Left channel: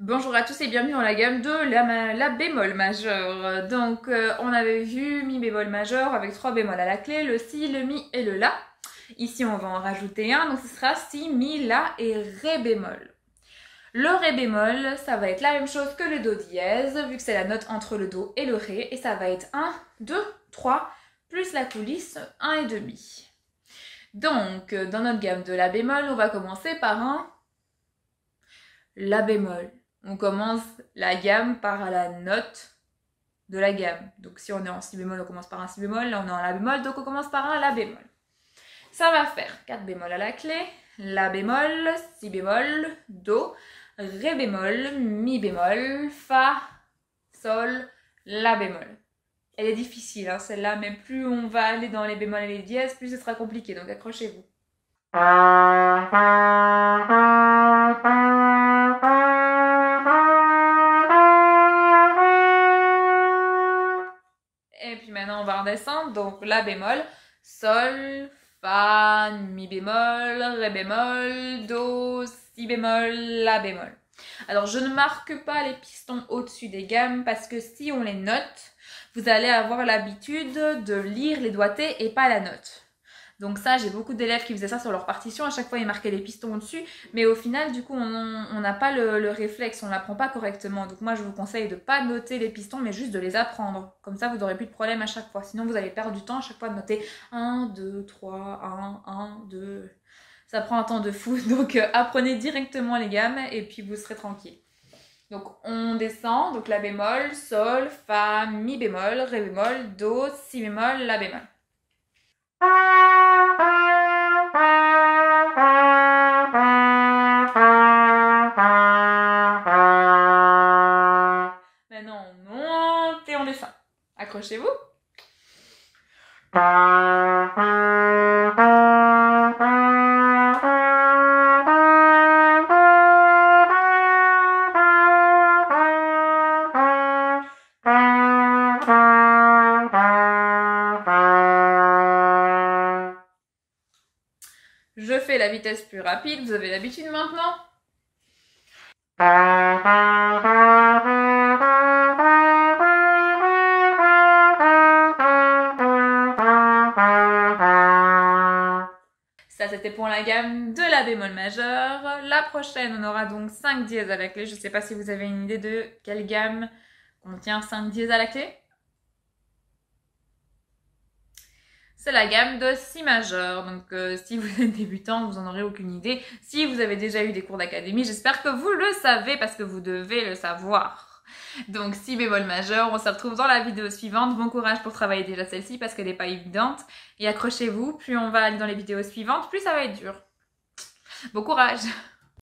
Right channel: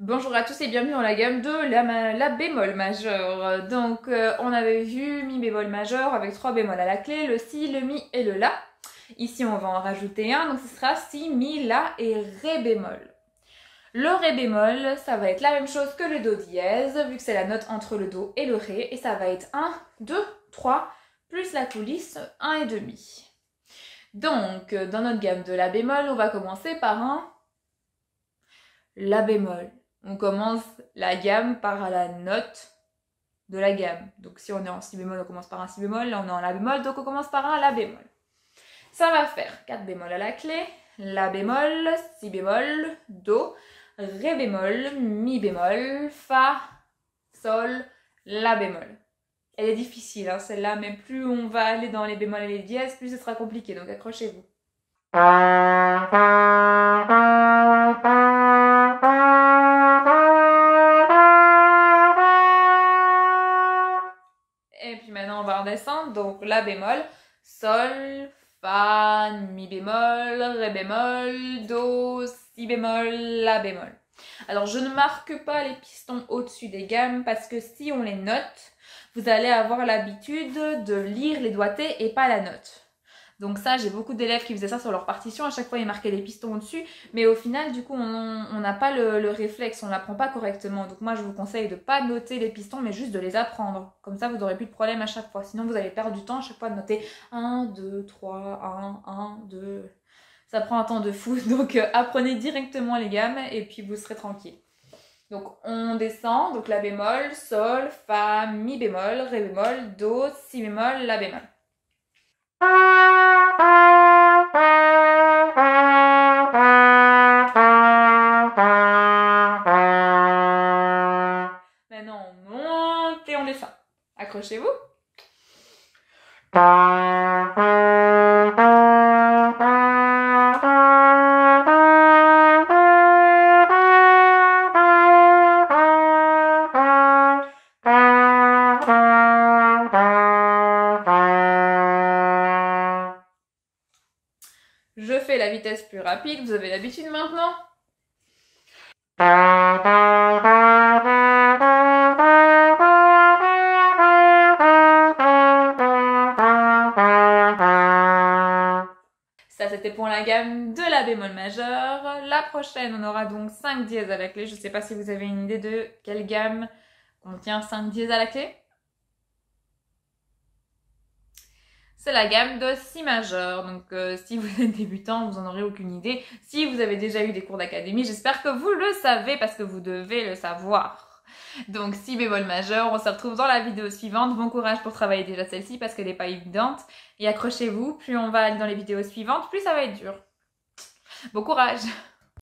Bonjour à tous et bienvenue dans la gamme de la bémol majeur. Donc on avait vu mi bémol majeur avec 3 bémols à la clé, le si, le mi et le la. Ici on va en rajouter un, donc ce sera si, mi, la et ré bémol. Le ré bémol, ça va être la même chose que le do dièse, vu que c'est la note entre le do et le ré, et ça va être 1, 2, 3, plus la coulisse 1,5. Donc dans notre gamme de la bémol, on va commencer par un la bémol. On commence la gamme par la note de la gamme. Donc si on est en si bémol, on commence par un si bémol. Là, on est en la bémol, donc on commence par un la bémol. Ça va faire 4 bémols à la clé, la bémol, si bémol, do, ré bémol, mi bémol, fa, sol, la bémol. Elle est difficile, hein, celle-là, mais plus on va aller dans les bémols et les dièses, plus ce sera compliqué, donc accrochez-vous. Et puis maintenant, on va redescendre. Donc, la bémol, sol, fa, mi bémol, ré bémol, do, si bémol, la bémol. Alors, je ne marque pas les pistons au-dessus des gammes parce que si on les note, vous allez avoir l'habitude de lire les doigtés et pas la note. Donc ça, j'ai beaucoup d'élèves qui faisaient ça sur leur partition. À chaque fois, ils marquaient les pistons au-dessus. Mais au final, du coup, on n'a pas le réflexe. On ne l'apprend pas correctement. Donc moi, je vous conseille de ne pas noter les pistons, mais juste de les apprendre. Comme ça, vous n'aurez plus de problème à chaque fois. Sinon, vous allez perdre du temps à chaque fois de noter 1, 2, 3, 1, 2. Ça prend un temps de fou. Donc apprenez directement les gammes et puis vous serez tranquille. Donc on descend. Donc la bémol, sol, fa, mi bémol, ré bémol, do, si bémol, la bémol. Maintenant, on monte et on descend. Accrochez-vous. Je fais la vitesse plus rapide, vous avez l'habitude maintenant? Ça, c'était pour la gamme de la bémol majeur. La prochaine, on aura donc 5 dièses à la clé. Je ne sais pas si vous avez une idée de quelle gamme contient 5 dièses à la clé. C'est la gamme de si majeur. Donc si vous êtes débutant, vous n'en aurez aucune idée. Si vous avez déjà eu des cours d'académie, j'espère que vous le savez parce que vous devez le savoir. Donc si bémol majeur, on se retrouve dans la vidéo suivante. Bon courage pour travailler déjà celle-ci parce qu'elle n'est pas évidente. Et accrochez-vous, plus on va aller dans les vidéos suivantes, plus ça va être dur. Bon courage!